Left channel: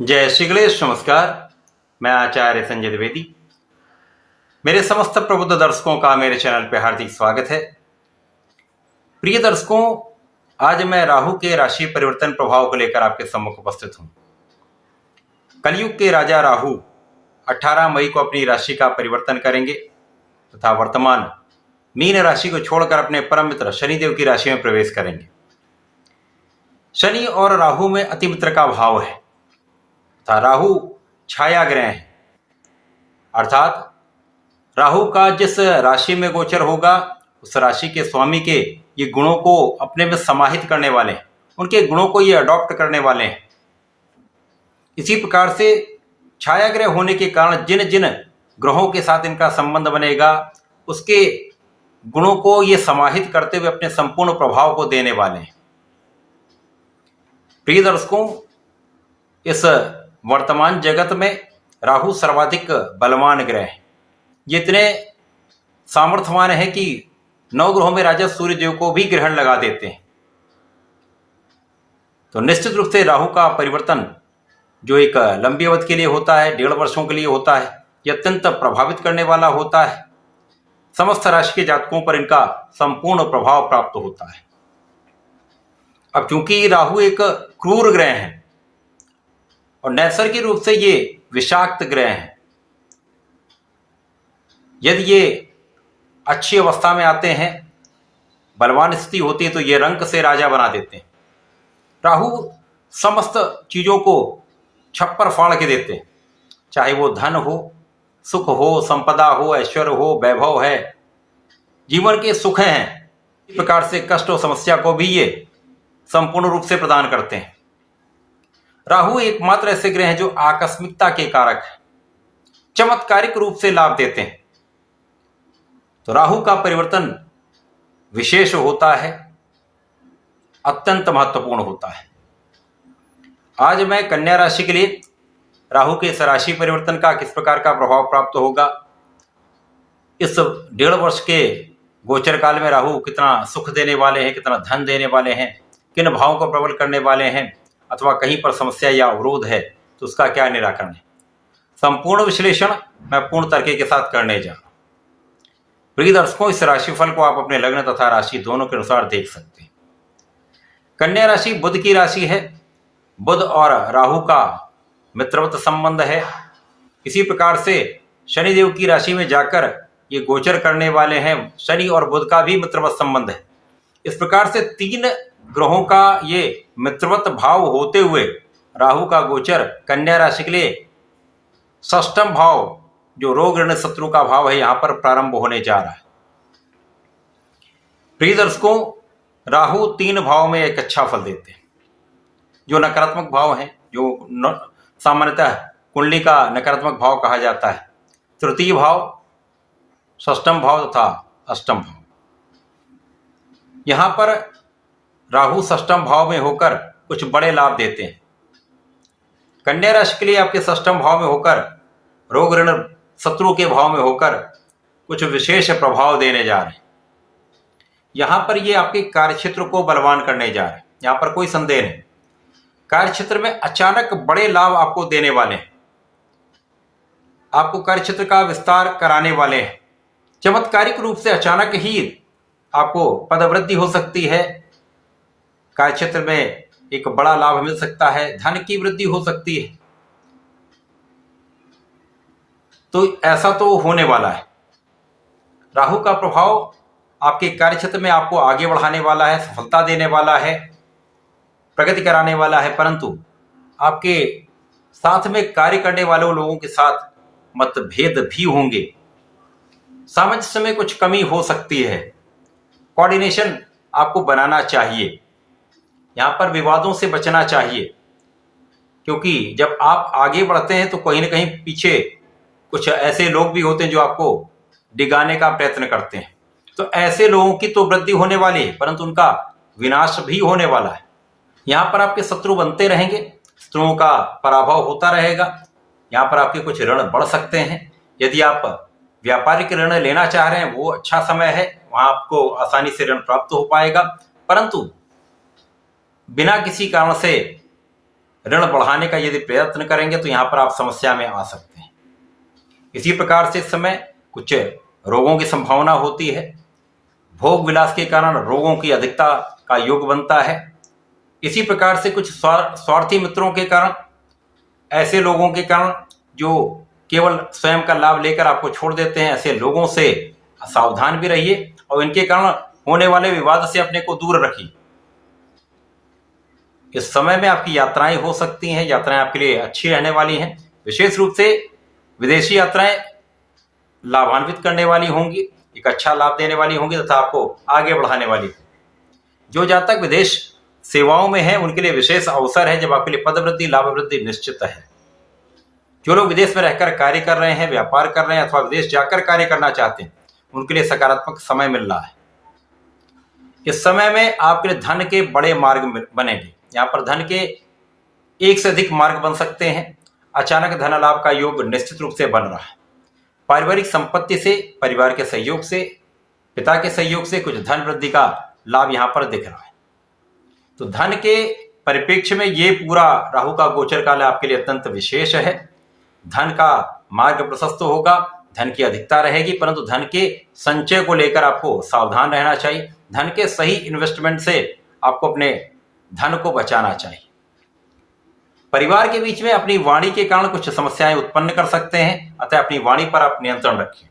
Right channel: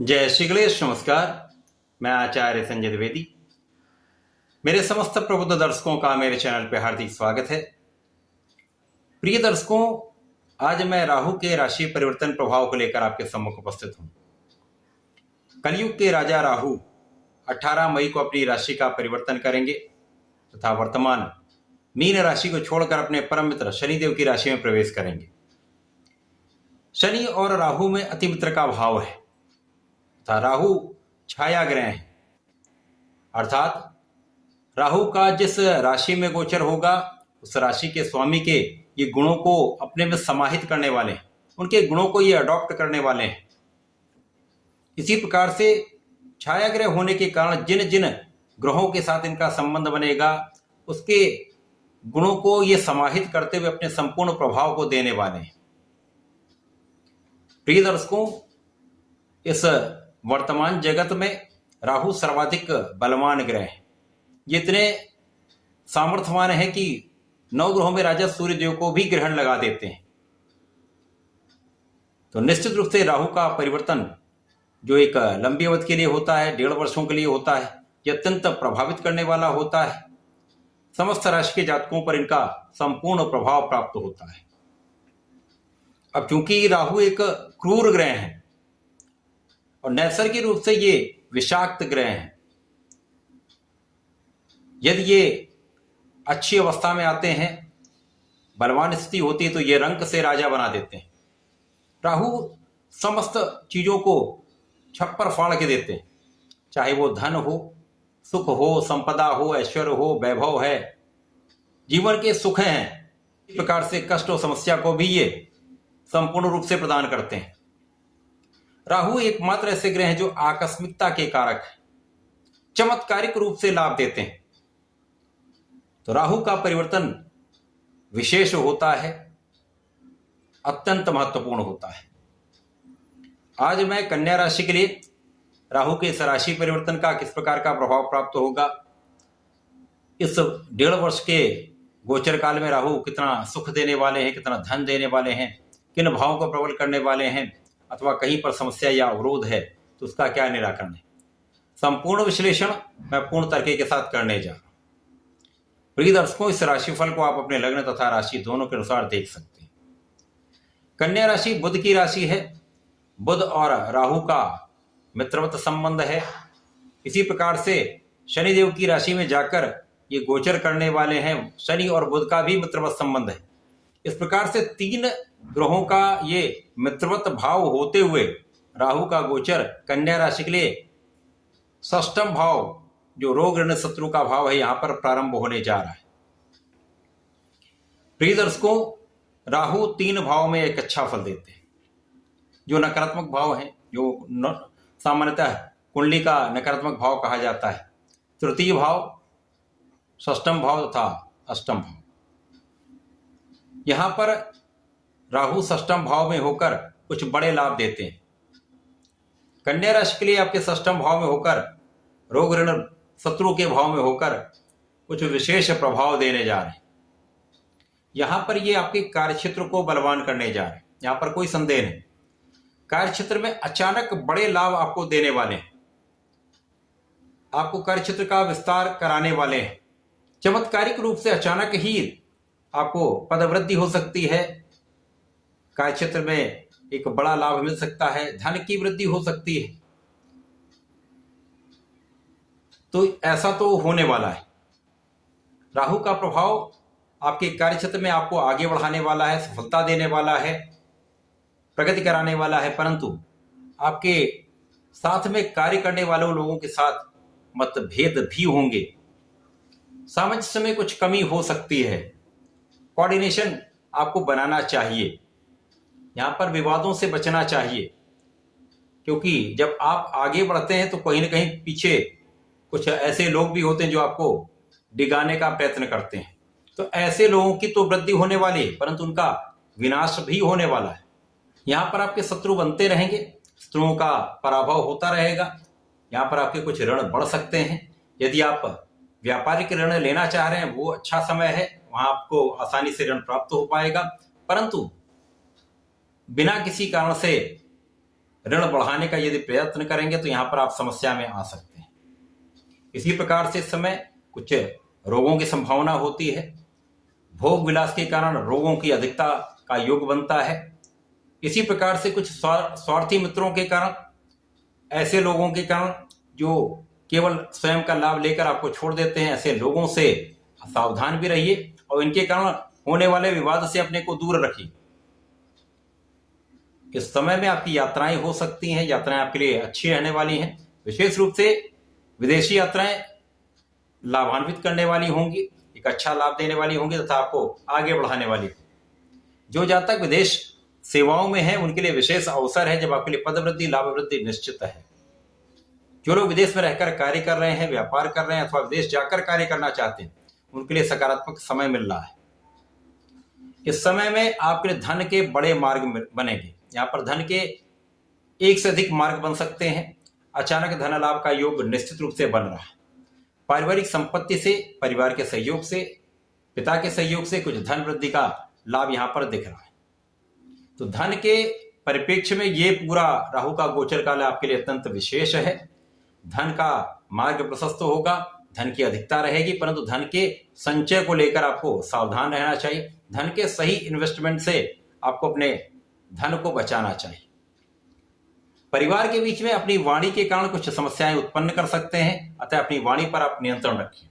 जय श्री गणेश। नमस्कार। मैं आचार्य संजय द्विवेदी। मेरे समस्त प्रबुद्ध दर्शकों का मेरे चैनल पर हार्दिक स्वागत है। प्रिय दर्शकों, आज मैं राहु के राशि परिवर्तन प्रभाव को लेकर आपके सम्मुख उपस्थित हूं। कलयुग के राजा राहु 18 मई को अपनी राशि का परिवर्तन करेंगे तथा वर्तमान मीन राशि को छोड़कर अपने परम मित्र शनिदेव की राशि में प्रवेश करेंगे। शनि और राहु में अति मित्र का भाव है तथा राहु छाया ग्रह है, अर्थात राहु का जिस राशि में गोचर होगा उस राशि के स्वामी के ये गुणों को अपने में समाहित करने वाले हैं, उनके गुणों को ये अडॉप्ट करने वाले हैं। इसी प्रकार से छाया ग्रह होने के कारण जिन जिन ग्रहों के साथ इनका संबंध बनेगा उसके गुणों को ये समाहित करते हुए अपने संपूर्ण प्रभाव को देने वाले हैं। प्रिय दर्शकों, इस वर्तमान जगत में राहु सर्वाधिक बलवान ग्रह है। ये इतने सामर्थ्यवान है कि 9 ग्रहों में राजा सूर्य देव को भी ग्रहण लगा देते हैं। तो निश्चित रूप से राहु का परिवर्तन जो एक लंबी अवधि के लिए होता है, 1.5 वर्षों के लिए होता है, यह अत्यंत प्रभावित करने वाला होता है। समस्त राशि के जातकों पर इनका संपूर्ण प्रभाव प्राप्त होता है। अब चूंकि राहु एक क्रूर ग्रह है और नैसर्गिक रूप से ये विषाक्त ग्रह है, यदि ये अच्छी अवस्था में आते हैं, बलवान स्थिति होती है, तो ये रंक से राजा बना देते हैं। राहु समस्त चीजों को छप्पर फाड़ के देते हैं, चाहे वो धन हो, सुख हो, संपदा हो, ऐश्वर्य हो, वैभव है, जीवन के सुख हैं, इस प्रकार से कष्ट और समस्या को भी ये संपूर्ण रूप से प्रदान करते हैं। राहु एकमात्र ऐसे ग्रह हैं जो आकस्मिकता के कारक है, चमत्कारिक रूप से लाभ देते हैं। तो राहु का परिवर्तन विशेष होता है, अत्यंत महत्वपूर्ण होता है। आज मैं कन्या राशि के लिए राहु के इस राशि परिवर्तन का किस प्रकार का प्रभाव प्राप्त होगा, इस 1.5 वर्ष के गोचर काल में राहु कितना सुख देने वाले हैं, कितना धन देने वाले हैं, किन भावों को प्रबल करने वाले हैं, अथवा कहीं पर समस्या या अवरोध है तो उसका क्या निराकरण है, संपूर्ण विश्लेषण मैं पूर्ण तरीके के साथ करने जा रहा हूं। प्रिय दर्शकों, इस राशिफल को आप अपने लग्न तथा राशि दोनों के अनुसार देख सकते हैं। कन्या राशि बुध की राशि है। बुध और राहु का मित्रवत संबंध है। इसी प्रकार से शनिदेव की राशि में जाकर ये गोचर करने वाले हैं। शनि और बुध का भी मित्रवत संबंध है। इस प्रकार से 3 ग्रहों का ये मित्रवत भाव होते हुए राहु का गोचर कन्या राशि के लिए 6ष्ठम भाव जो रोग ऋण शत्रु का भाव है यहां पर प्रारंभ होने जा रहा है। प्रिय दर्शकों, राहु 3 भाव में एक अच्छा फल देते हैं। जो नकारात्मक भाव है, जो सामान्यतः कुंडली का नकारात्मक भाव कहा जाता है, तृतीय भाव, 6ष्ठम भाव तथा 8म भाव, यहां पर राहु 6ष्ठम भाव में होकर कुछ बड़े लाभ देते हैं। कन्या राशि के लिए आपके 6ष्ठम भाव में होकर रोग ऋण शत्रु के भाव में होकर कुछ विशेष प्रभाव देने जा रहे हैं। यहां पर ये आपके कार्यक्षेत्र को बलवान करने जा रहे हैं, यहां पर कोई संदेह नहीं। कार्यक्षेत्र में अचानक बड़े लाभ आपको देने वाले हैं, आपको कार्यक्षेत्र का विस्तार कराने वाले हैं। चमत्कारिक रूप से अचानक ही आपको पदवृद्धि हो सकती है, कार्यक्षेत्र में एक बड़ा लाभ मिल सकता है, धन की वृद्धि हो सकती है। तो ऐसा तो होने वाला है। राहु का प्रभाव आपके कार्यक्षेत्र में आपको आगे बढ़ाने वाला है, सफलता देने वाला है, प्रगति कराने वाला है, परंतु आपके साथ में कार्य करने वाले लोगों के साथ मतभेद भी होंगे, सामंजस्य में कुछ कमी हो सकती है। कोऑर्डिनेशन आपको बनाना चाहिए, यहां पर विवादों से बचना चाहिए, क्योंकि जब आप आगे बढ़ते हैं तो कहीं ना कहीं पीछे कुछ ऐसे लोग भी होते हैं जो आपको डिगाने का प्रयत्न करते हैं। तो ऐसे लोगों की तो वृद्धि होने वाली है, परंतु उनका विनाश भी होने वाला है। यहां पर आपके शत्रु बनते रहेंगे, शत्रुओं का पराभव होता रहेगा। यहां पर आपके कुछ ऋण बढ़ सकते हैं। यदि आप व्यापारिक ऋण लेना चाह रहे हैं वो अच्छा समय है, वहां आपको आसानी से ऋण प्राप्त हो पाएगा, परंतु बिना किसी कारण से ऋण बढ़ाने का यदि प्रयत्न करेंगे तो यहाँ पर आप समस्या में आ सकते हैं। इसी प्रकार से इस समय कुछ रोगों की संभावना होती है। भोग विलास के कारण रोगों की अधिकता का योग बनता है। इसी प्रकार से कुछ स्वार्थी मित्रों के कारण, ऐसे लोगों के कारण जो केवल स्वयं का लाभ लेकर आपको छोड़ देते हैं, ऐसे लोगों से सावधान भी रहिए और इनके कारण होने वाले विवाद से अपने को दूर रखिए। इस समय में आपकी यात्राएं हो सकती हैं, यात्राएं आपके लिए अच्छी रहने वाली हैं। विशेष रूप से विदेशी यात्राएं लाभान्वित करने वाली होंगी, एक अच्छा लाभ देने वाली होंगी तथा आपको आगे बढ़ाने वाली। जो जातक विदेश सेवाओं में हैं उनके लिए विशेष अवसर है जब आपके लिए पद वृद्धि, लाभ वृद्धि निश्चित है। जो लोग विदेश में रहकर कार्य कर रहे हैं, व्यापार कर रहे हैं अथवा विदेश जाकर कार्य करना चाहते हैं, उनके लिए सकारात्मक समय मिल रहा है। इस समय में आपके लिए धन के बड़े मार्ग बनेंगे। यहाँ पर धन के एक से अधिक मार्ग बन सकते हैं। अचानक धन लाभ का योग निश्चित रूप से बन रहा है। पारिवारिक संपत्ति से, परिवार के सहयोग से, पिता के सहयोग से कुछ धन वृद्धि का लाभ यहाँ पर दिख रहा है। तो धन के परिप्रेक्ष्य में ये पूरा राहु का गोचर काल आपके लिए अत्यंत विशेष है। धन का मार्ग प्रशस्त होगा, धन की अधिकता रहेगी, परंतु धन के संचय को लेकर आपको सावधान रहना चाहिए। धन के सही इन्वेस्टमेंट से आपको अपने धन को बचाना चाहिए। परिवार के बीच में अपनी वाणी के कारण कुछ समस्याएं उत्पन्न कर सकते हैं, अतः अपनी वाणी पर आप नियंत्रण रखिए।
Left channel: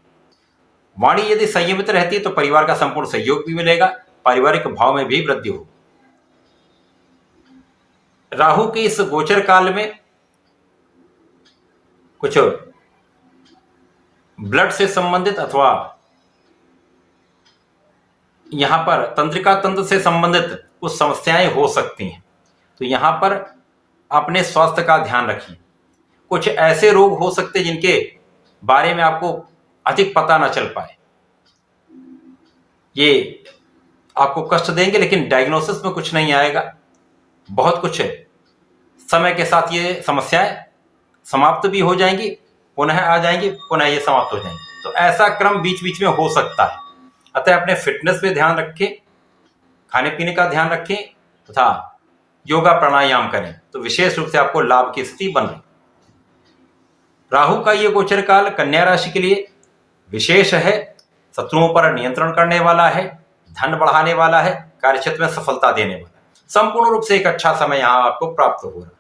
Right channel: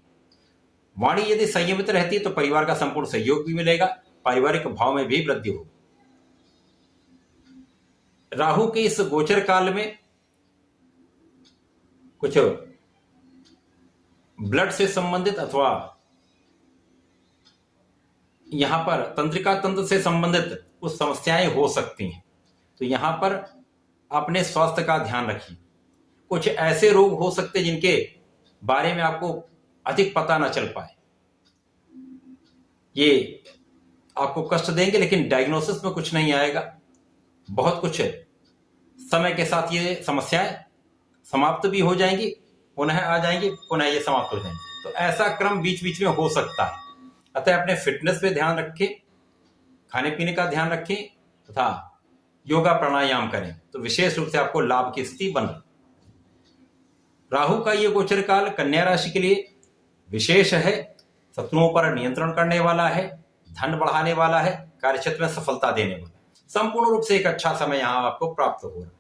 वाणी यदि संयमित रहती है तो परिवार का संपूर्ण सहयोग भी मिलेगा, पारिवारिक भाव में भी वृद्धि होगी। राहु के इस गोचर काल में कुछ ब्लड से संबंधित अथवा यहां पर तंत्रिका तंत्र से संबंधित कुछ समस्याएं हो सकती हैं, तो यहां पर अपने स्वास्थ्य का ध्यान रखिए। कुछ ऐसे रोग हो सकते हैं जिनके बारे में आपको अधिक पता ना चल पाए, ये आपको कष्ट देंगे, लेकिन डायग्नोसिस में कुछ नहीं आएगा। बहुत कुछ समय के साथ ये समस्याएं समाप्त भी हो जाएंगी, पुनः आ जाएंगी, पुनः ये समाप्त हो जाएंगी। तो ऐसा क्रम बीच बीच में हो सकता है। अतः अपने फिटनेस पे ध्यान रखें, खाने पीने का ध्यान रखें तथा योगा प्राणायाम करें, तो विशेष रूप से आपको लाभ की स्थिति बन रही। राहु का ये गोचर काल कन्या राशि के लिए विशेष है। शत्रुओं पर नियंत्रण करने वाला है, धन बढ़ाने वाला है, कार्यक्षेत्र में सफलता देने वाला है। संपूर्ण रूप से एक अच्छा समय यहाँ आपको प्राप्त हो रहा है।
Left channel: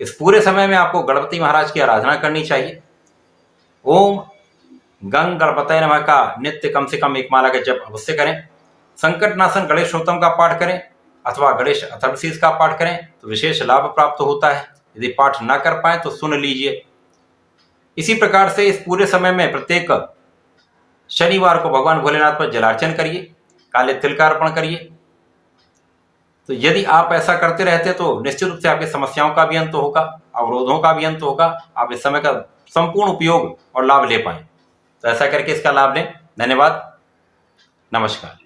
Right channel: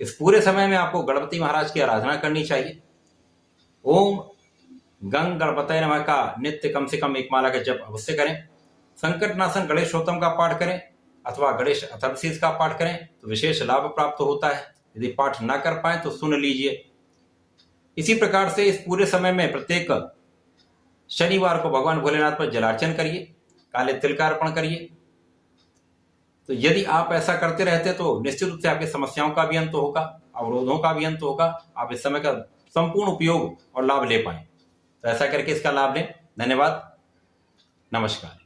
इस पूरे समय में आपको गणपति महाराज की आराधना करनी चाहिए। ओम गंग गणपतये नमः का नित्य कम से कम एक माला का जप अवश्य करें। संकटनाशन गणेशोत्तम का पाठ करें अथवा गणेश अथर्वशीष का पाठ करें तो विशेष लाभ प्राप्त होता है। यदि पाठ ना कर पाए तो सुन लीजिए। इसी प्रकार से इस पूरे समय में प्रत्येक शनिवार को भगवान भोलेनाथ पर जलार्चन करिए, काले तिल का अर्पण करिए। तो यदि आप ऐसा करते रहते तो निश्चित रूप से आपकी समस्याओं का भी अंत होगा, अवरोधों का भी अंत होगा। आप इस समय का संपूर्ण उपयोग और लाभ ले पाए, तो ऐसा करके इसका लाभ लें। धन्यवाद, नमस्कार।